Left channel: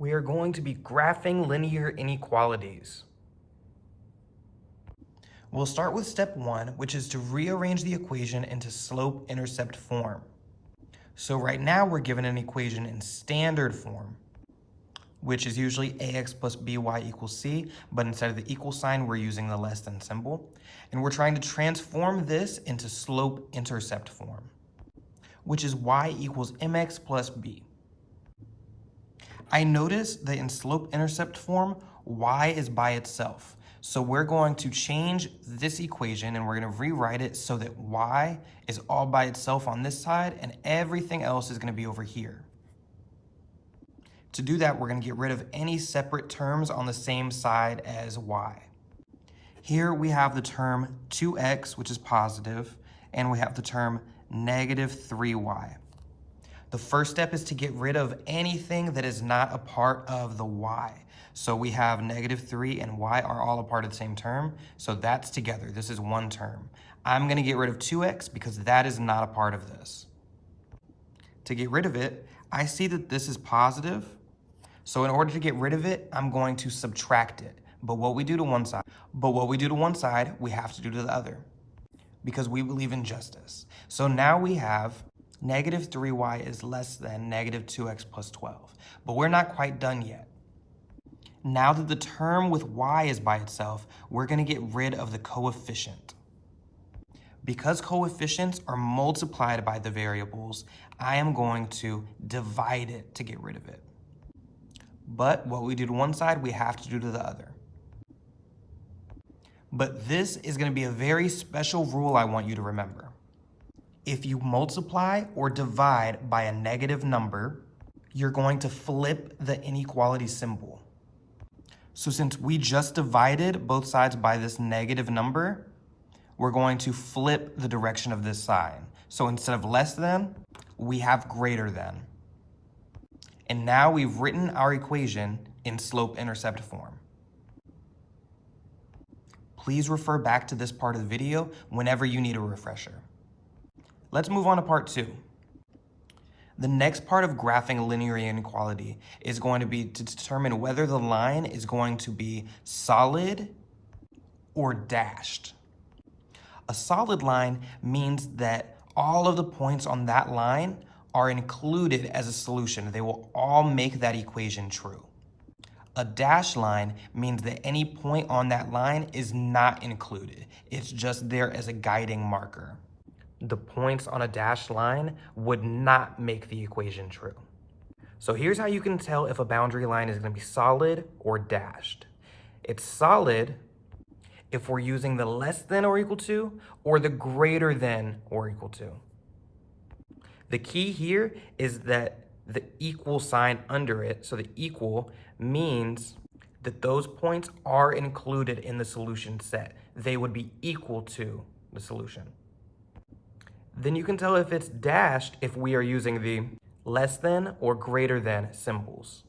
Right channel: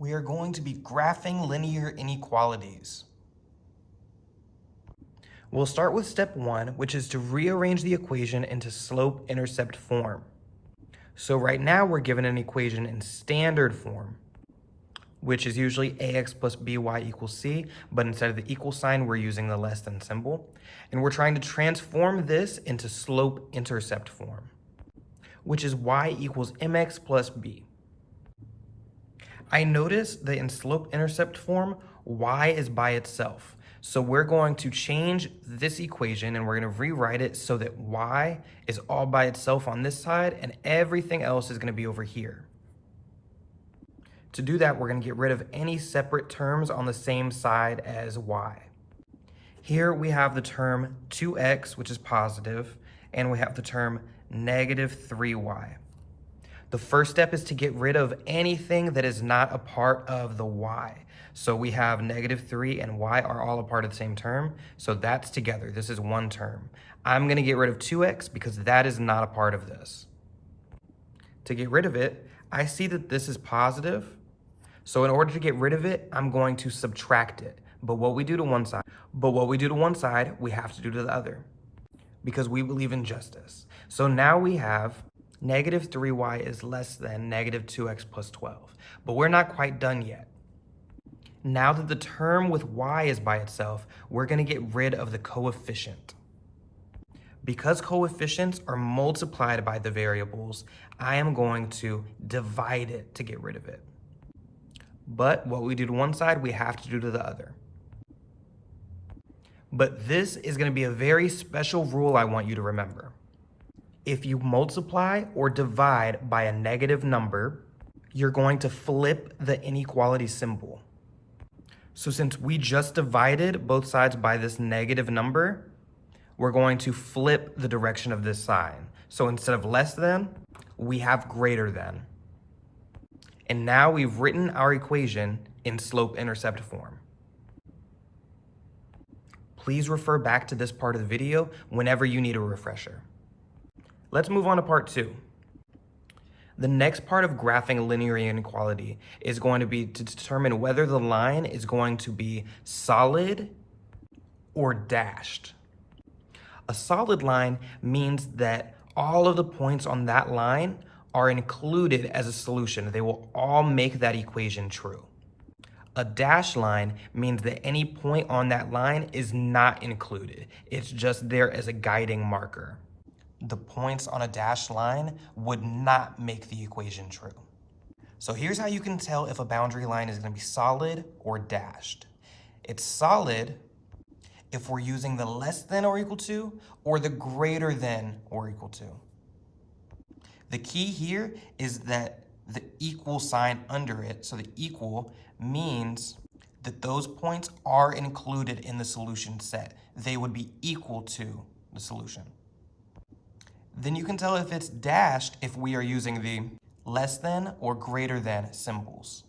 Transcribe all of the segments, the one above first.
we are going to be graphing linear inequalities. We'll start with step 1, which is to rearrange the equation into slope-intercept form. So right now we're given an equation in standard form, which is usually ax plus by equals c, but instead of the equal sign, we're using the less than symbol. And we're trying to transform this into slope-intercept form, which is y equals mx plus b. I notice that in slope-intercept form, y is by itself. So we're going to change this equation and we're going to rewrite it so that y is all by itself on this side and everything else is going to be over here. To do that, we're going to get rid of any separate terms on the same side as y. Here we have the term 2x, which is positive, and we have the term negative 3y. The first step is to get rid of anything that is not a part of the y. So we have negative 3 and y are all a part of the same term, so that's together. This is one term. I'm going to get rid of 2x because that is not a part of this. To get rid of it, I see that this is positive, so in order to get rid of it, I'm going to subtract it. But what we do to one side, we have to do to the other because we believe in justice. So now we have negative 3y is less than negative 2x plus 12. But we're not quite done yet. Now that the term with y is by itself, we're going to get rid of the coefficient. Because coefficients are multiplied by the variables, I am going to divide it to get rid of it. But what we do to one side, we have to do to the other. But this is going to be a very special rule I want you to remember. If you multiply or divide by a negative number, you're going to flip the inequality symbol. So since we just divided both sides by this negative number, we're going to flip the direction of this sign. So instead of less than, we have greater than. And now we've written our equation in slope-intercept form. Please refer back to this part of the video whenever you need a refresher. Let's move on to part 2. The next part of graphing linear inequality is going to be to determine whether the line is going to be solid or dashed. A solid line means that all of the points on that line are included as a solution. They will all make that equation true. A dashed line means that any point on that line is not included. It's just there as a guiding marker. The points on a dashed line would not make the equation true. So here's how you can tell if a boundary line is going to be solid or dashed. It's solid if we're using the less than or equal to or the greater than or equal to. The key here is that the equal sign under it, so the equal means that those points are included in the solution set. They would be equal to the solution. Then you can tell if it's dashed if we are using the less than or greater than symbols.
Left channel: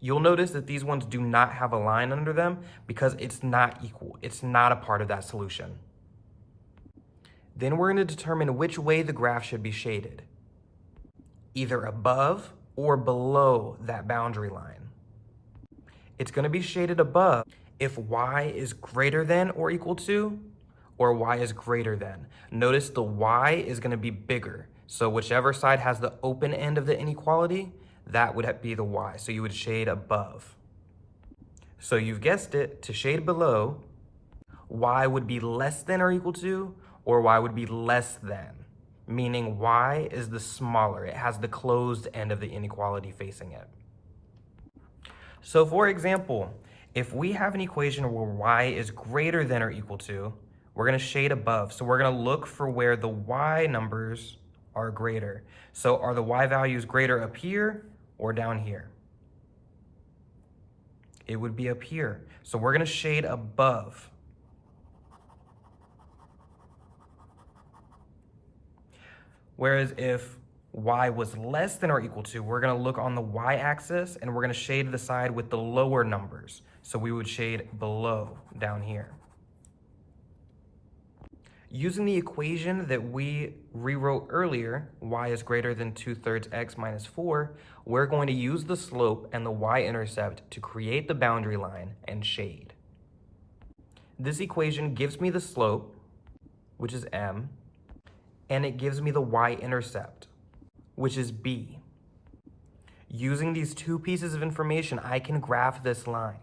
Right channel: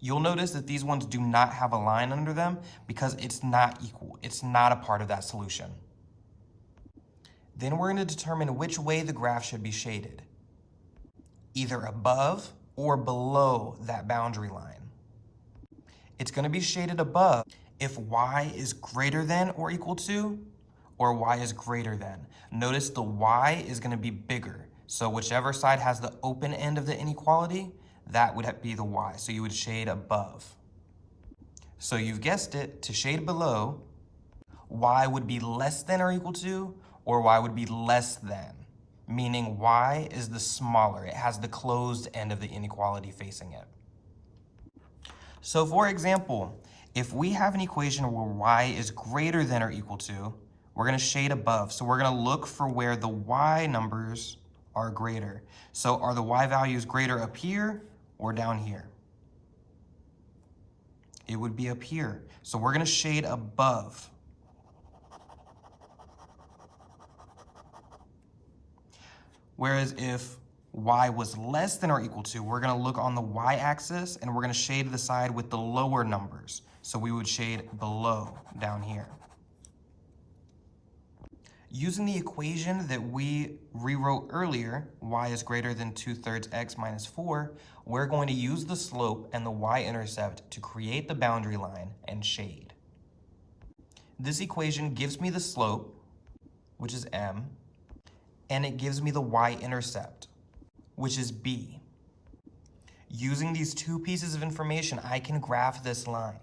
You'll notice that these ones do not have a line under them because it's not equal. It's not a part of that solution. Then we're going to determine which way the graph should be shaded, either above or below that boundary line. It's going to be shaded above if y is greater than or equal to, or y is greater than. Notice the y is going to be bigger. So whichever side has the open end of the inequality, that would be the y. So you would shade above. So you've guessed it, to shade below, y would be less than or equal to, or y would be less than, meaning y is the smaller. It has the closed end of the inequality facing it. So for example, if we have an equation where y is greater than or equal to, we're going to shade above. So we're going to look for where the y numbers are greater. So are the y values greater up here or down here? It would be up here. So we're going to shade above. Whereas if y was less than or equal to, we're going to look on the y-axis and we're going to shade the side with the lower numbers. So we would shade below down here. Using the equation that we rewrote earlier, y is greater than 2/3 x minus 4, we're going to use the slope and the y-intercept to create the boundary line and shade. This equation gives me the slope, which is m, and it gives me the y-intercept, which is b. Using these two pieces of information, I can graph this line.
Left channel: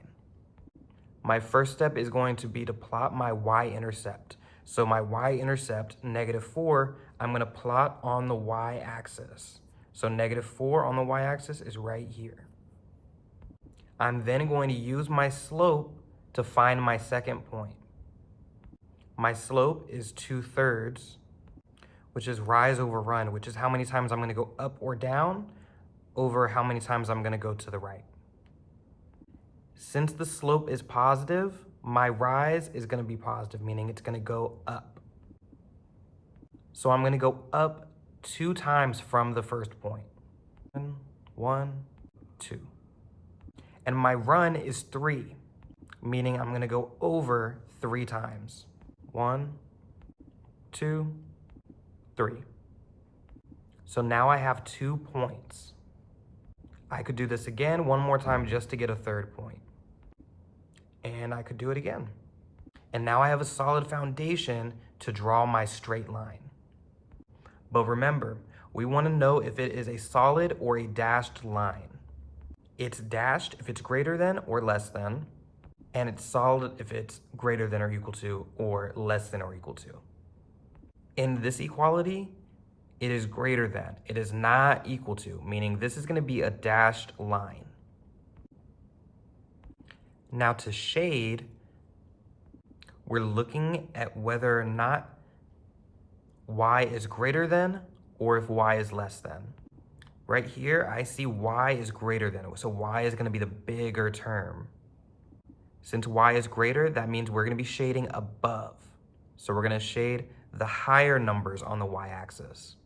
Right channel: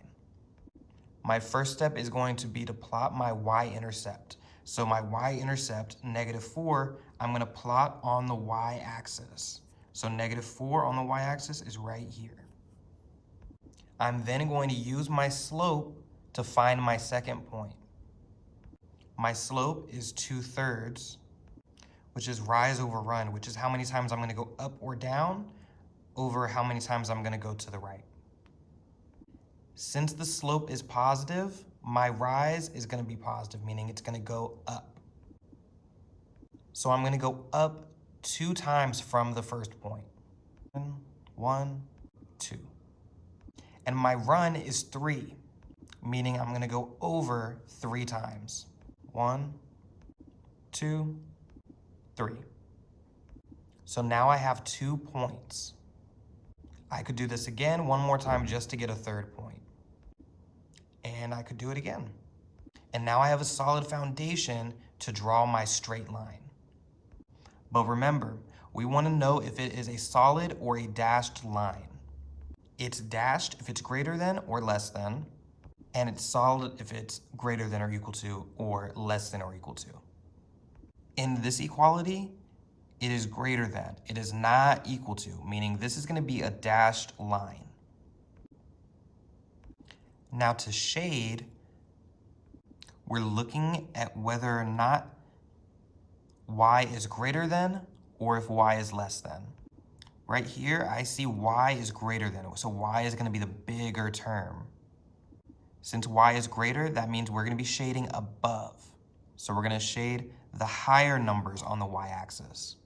My first step is going to be to plot my y-intercept. So my y-intercept, -4, I'm going to plot on the y-axis. So -4 on the y-axis is right here. I'm then going to use my slope to find my second point. My slope is 2/3, which is rise over run, which is how many times I'm going to go up or down over how many times I'm going to go to the right. Since the slope is positive, my rise is going to be positive, meaning it's going to go up. So I'm going to go up 2 times from the first point. 1, 2. And my run is 3, meaning I'm going to go over 3 times. 1, 2, 3. So now I have 2 points. I could do this again one more time just to get a third point. And I could do it again. And now I have a solid foundation to draw my straight line. But remember, we want to know if it is a solid or a dashed line. It's dashed if it's greater than or less than, and it's solid if it's greater than or equal to or less than or equal to. In this equality, it is greater than. It is not equal to, meaning this is going to be a dashed line. Now to shade, we're looking at whether or not y is greater than or if y is less than. Right here, I see y is greater than, so y is going to be the bigger term. Since y is greater, that means we're going to be shading above. So we're going to shade the higher numbers on the y-axis.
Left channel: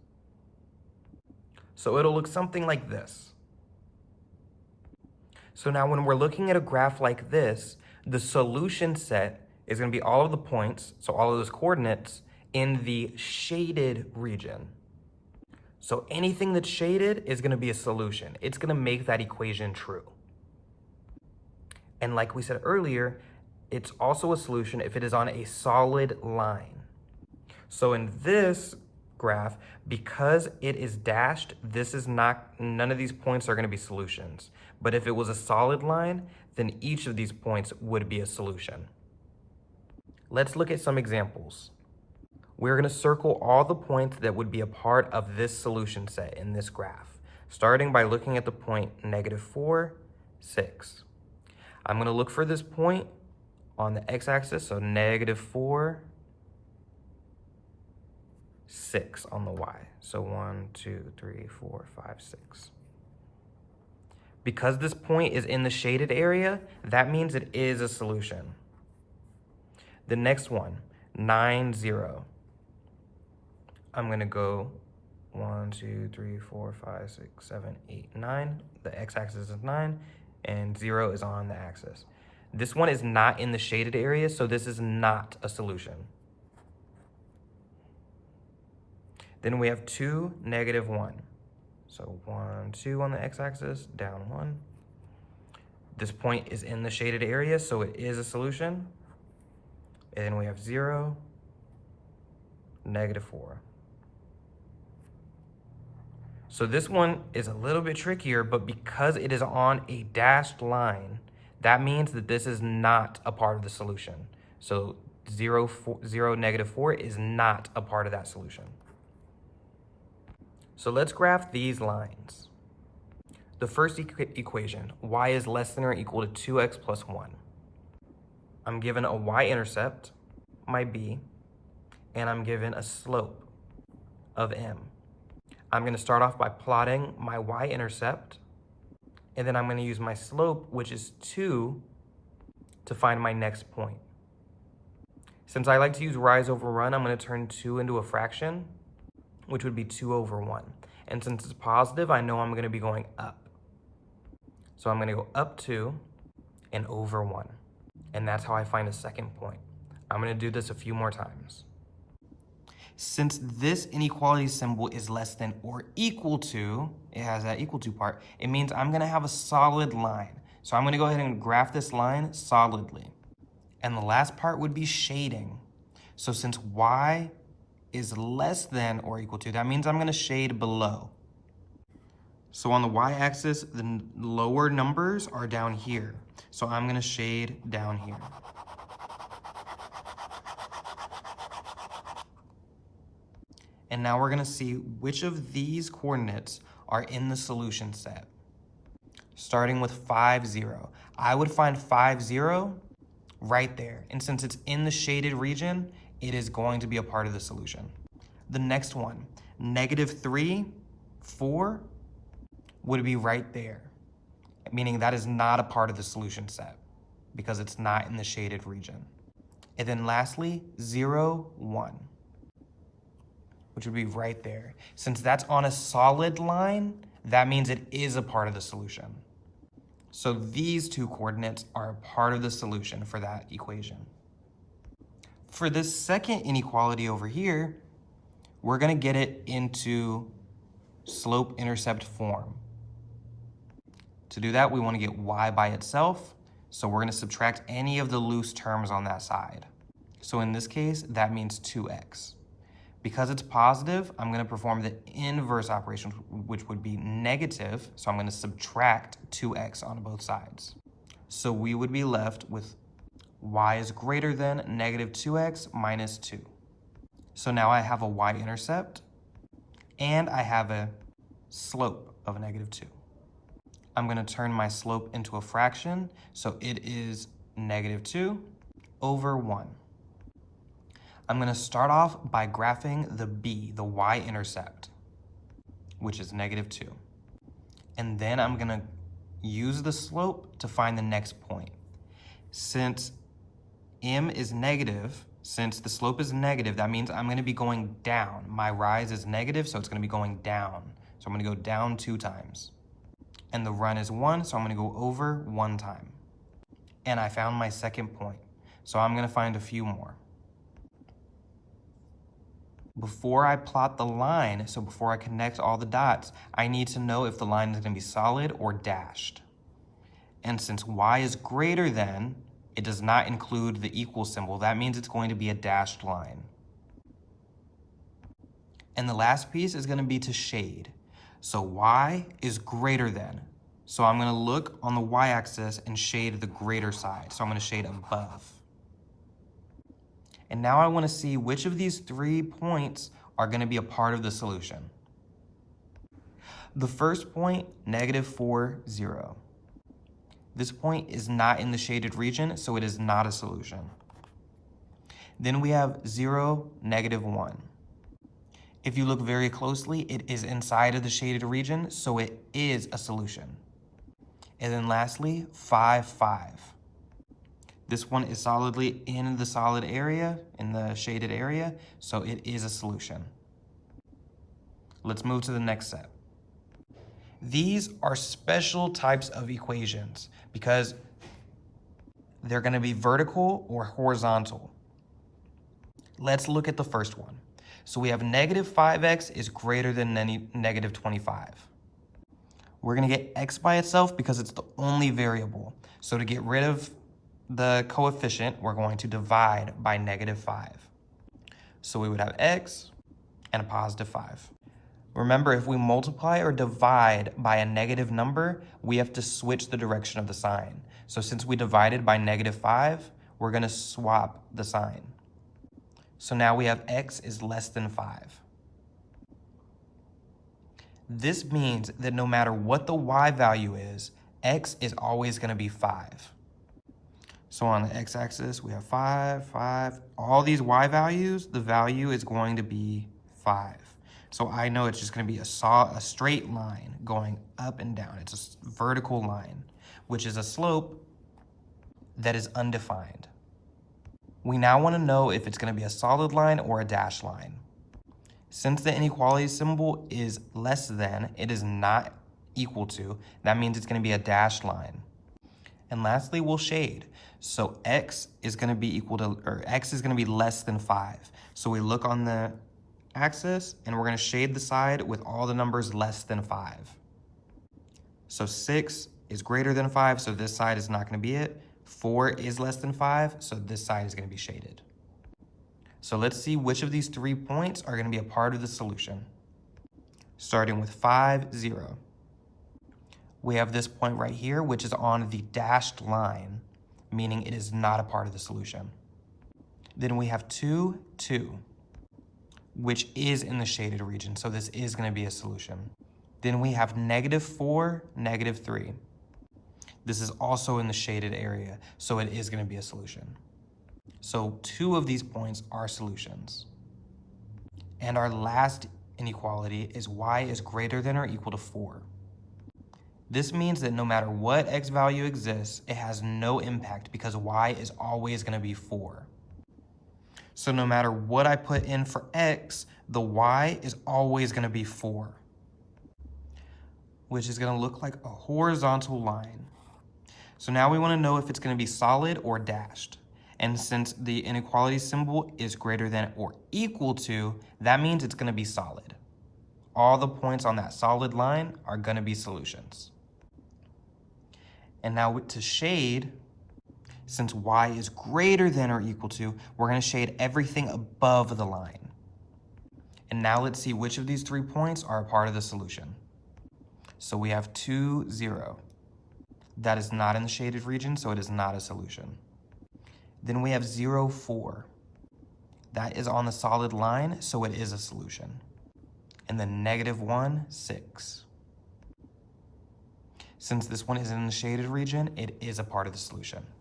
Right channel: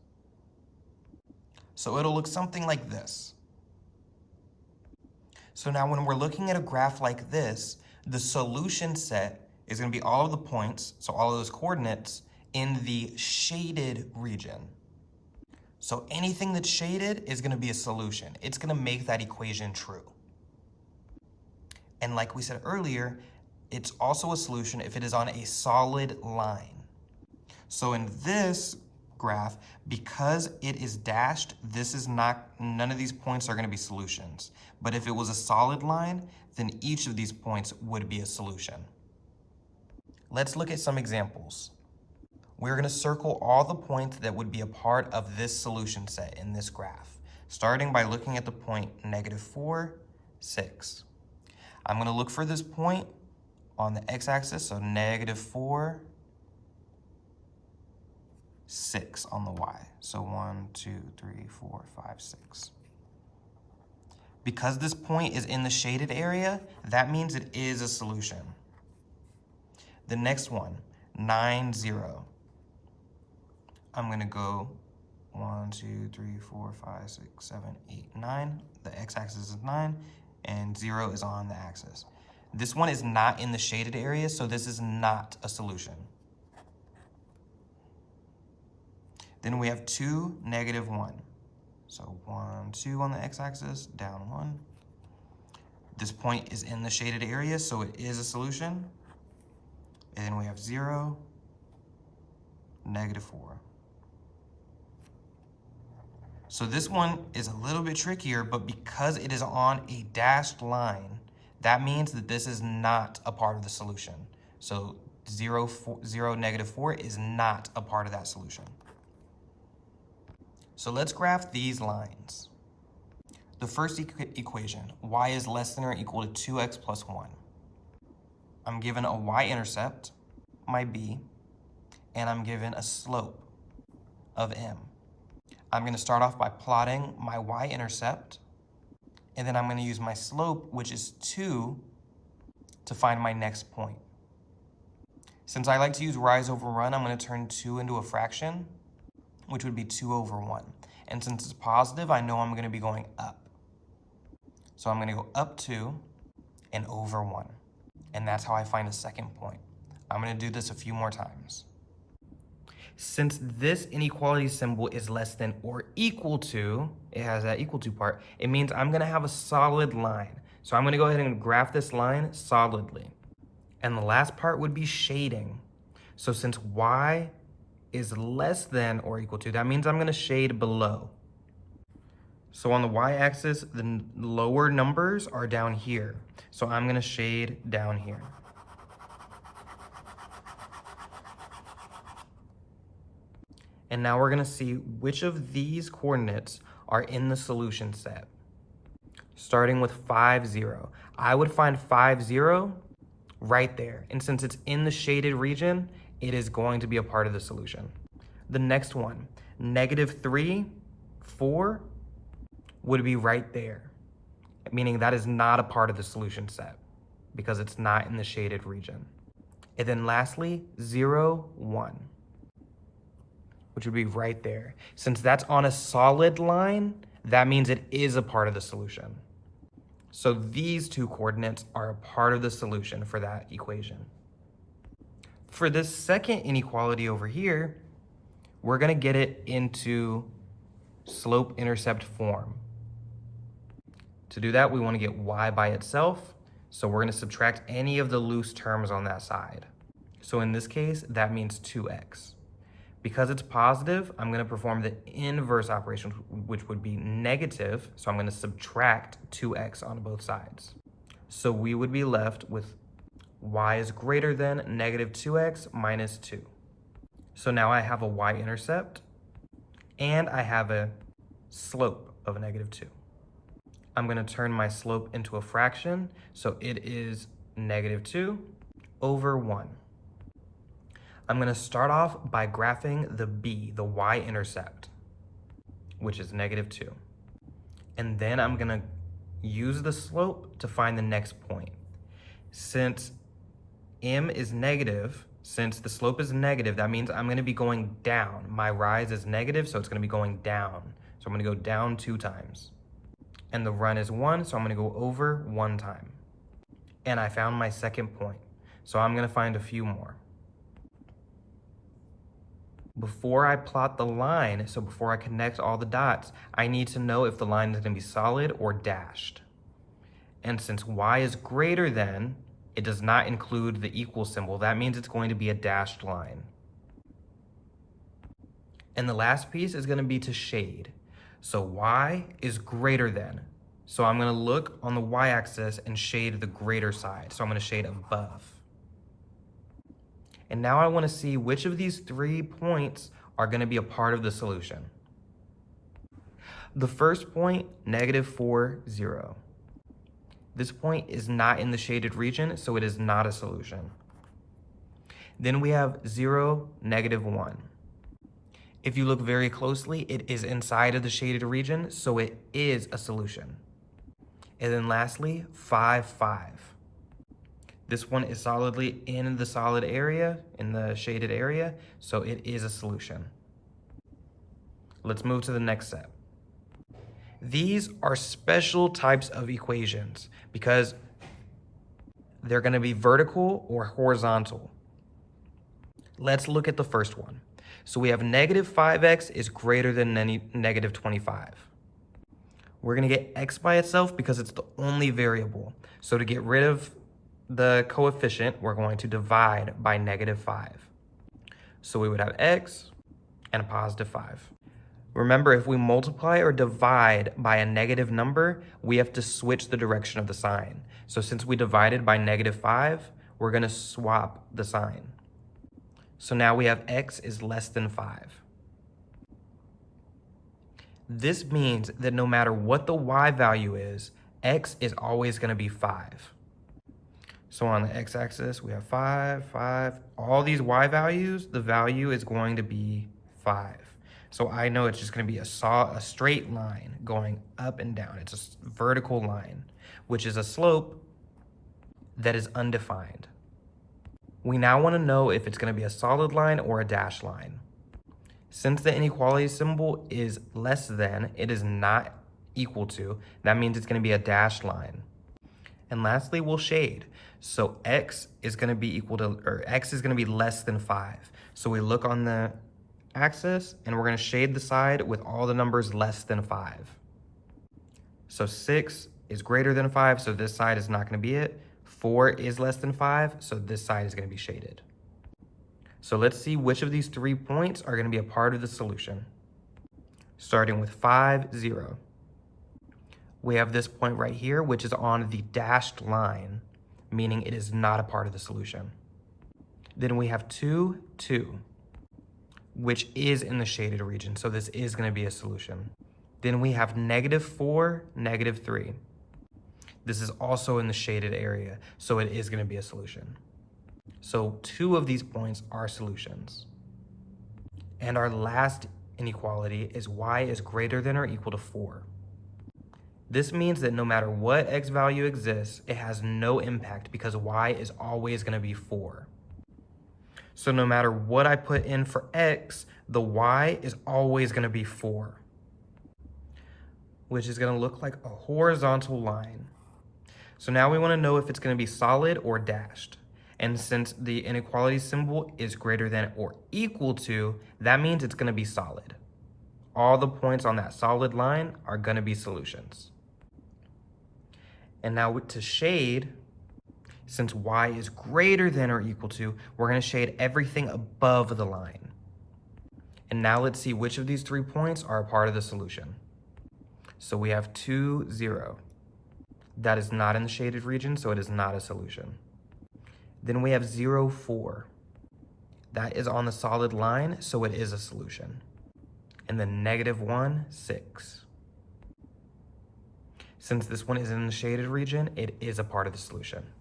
So it'll look something like this. So now when we're looking at a graph like this, the solution set is going to be all of the points, so all of those coordinates, in the shaded region. So anything that's shaded is going to be a solution. It's going to make that equation true. And like we said earlier, it's also a solution if it is on a solid line. So in this graph, because it is dashed, this is not, none of these points are going to be solutions. But if it was a solid line, then each of these points would be a solution. Let's look at some examples. We're going to circle all the points that would be a part of this solution set in this graph, starting by looking at the point -4, 6. I'm going to look for this point on the x-axis, so -4, 6 on the y. So 1, 2, 3, 4, 5, 6. Because this point is in the shaded area, that means it is a solution. The next one, 9, 0. I'm going to go 1, 2, 3, 4, 5, 6, 7, 8, 9. The x-axis is 9, and 0 is on the axis. This one is not in the shaded area, so this is not a solution. Then we have 2, -1. So 1, 2 on the x-axis, down 1. This point is in the shaded area, so it is a solution. And then we have 0, -4. So this one is a little bit trickier, but because it is on a dashed line, that means that this is not a part of the solution. So 0, -4 is not a part of that solution. So let's graph these lines. The first equation, y is less than or equal to 2x plus 1. I'm given a y-intercept, my b, and I'm given a slope of m. I'm going to start off by plotting my y-intercept, and then I'm going to use my slope, which is 2, to find my next point. Since I like to use rise over run, I'm going to turn 2 into a fraction, which would be 2 over 1. And since it's positive, I know I'm going to be going up. So I'm going to go up 2 and over 1. And that's how I find a second point. I'm going to do this a few more times. Since this inequality symbol is less than or equal to, it has that equal to part, it means I'm gonna have a solid line. So I'm gonna go ahead and graph this line solidly. And the last part would be shading. So since y is less than or equal to, that means I'm gonna shade below. So on the y-axis, the lower numbers are down here. So I'm gonna shade down here. And now we're gonna see which of these coordinates are in the solution set. Starting with 5, 0. I would find 5, 0 right there. And since it's in the shaded region, it is going to be a part of the solution. The next one, -3, 4, would be right there, meaning that is not a part of the solution set because it's not in the shaded region. And then lastly, 0, 1, which would be right there. Since that's on a solid line, that means it is a part of the solution. So these two coordinates are a part of the solution for that equation. For this second inequality over here, we're gonna get it into slope-intercept form. To do that, we wanna get y by itself, so we're gonna subtract any of the loose terms on that side. So in this case, that means 2x. Because it's positive, I'm gonna perform the inverse operation, which would be negative, so I'm gonna subtract 2x on both sides. So we would be left with y is greater than -2x minus 2. So now I have a y-intercept, and I have a slope of -2. I'm gonna turn my slope into a fraction, so it is -2 over 1. I'm gonna start off by graphing the b, the y-intercept, which is -2. And then I'm gonna use the slope to find the next point. Since m is negative, since the slope is negative, that means I'm gonna be going down. My rise is negative, so it's gonna be going down. So I'm gonna go down 2 times. And the run is 1, so I'm gonna go over 1 time. And I found my second point. So I'm gonna find a few more. Before I plot the line, so before I connect all the dots, I need to know if the line is gonna be solid or dashed. And since y is greater than, it does not include the equal symbol. That means it's going to be a dashed line. And the last piece is gonna be to shade. So y is greater than. So I'm gonna look on the y-axis and shade the greater side. So I'm gonna shade above. And now I wanna see which of these 3 points are gonna be a part of the solution. The first point, -4, 0. This point is not in the shaded region, so it is not a solution. Then we have 0, -1. If you look very closely, it is inside of the shaded region, so it is a solution. And then lastly, 5, 5. This one is solidly in the solid area, in the shaded area, so it is a solution. Let's move to the next step. These are special types of equations because they're gonna be vertical or horizontal. Let's look at the first one. So we have -5x is greater than -25. We're gonna get x by itself because it's the only variable. So to get rid of the coefficient, we're going to divide by -5. So we would have x and a +5. Remember, if we multiply or divide by a negative number, we have to switch the direction of the sign. So since we divided by -5, we're gonna swap the sign. So now we have x is less than 5. This means that no matter what the y value is, x is always gonna be 5. So on the x-axis, we have 5, 5. All these y values, the value is going to be 5. So I know it's just gonna be a straight line going up and down. It's a vertical line, which is a slope that is undefined. We now wanna know if it's gonna be a solid line or a dashed line. Since the inequality symbol is less than, it is not equal to, that means it's gonna be a dashed line. And lastly, we'll shade. So x is gonna be x is gonna be less than 5. So we look on the axis and we're gonna shade the side with all the numbers less than 5. So 6 is greater than 5, so this side is not going to be it. 4 is less than 5, so this side is going to be shaded. So let's see which of these 3 points are going to be a part of the solution. Starting with 5, 0. We have this point right here, which is on the dashed line, meaning it is not a part of the solution. Then we have 2, 2, which is in the shaded region, so this is going to be a solution. Then we have -4, -3. This is also in the shaded area, so it is going to be a solution. So 2 of these points are solutions. And our last inequality is y is greater than or equal to 4. This means that no matter what x value exists, it has no impact because y is always going to be 4. So no matter what I put in for x, the y is always going to be 4, which is going to look like a horizontal line. So now we want to know if it's going to be solid or dashed. And since the inequality symbol is greater than or equal to, that means it's going to be solid. All the points on that solid line are going to be solutions. And now to shade, since y is greater than or equal to, we're going to shade everything above the line. And now let's see which of these 3 points are a part of the solution. So we have 2, 0. That is not in the shaded region, so it is not a solution. Then we have 0, 4. That is on the solid line, so it is a solution. And then -1, 6. Since this one is in the shaded region, it is a part of the solution.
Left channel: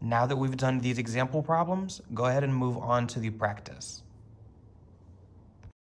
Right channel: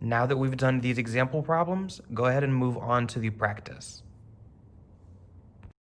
Now that we've done these example problems, go ahead and move on to the practice.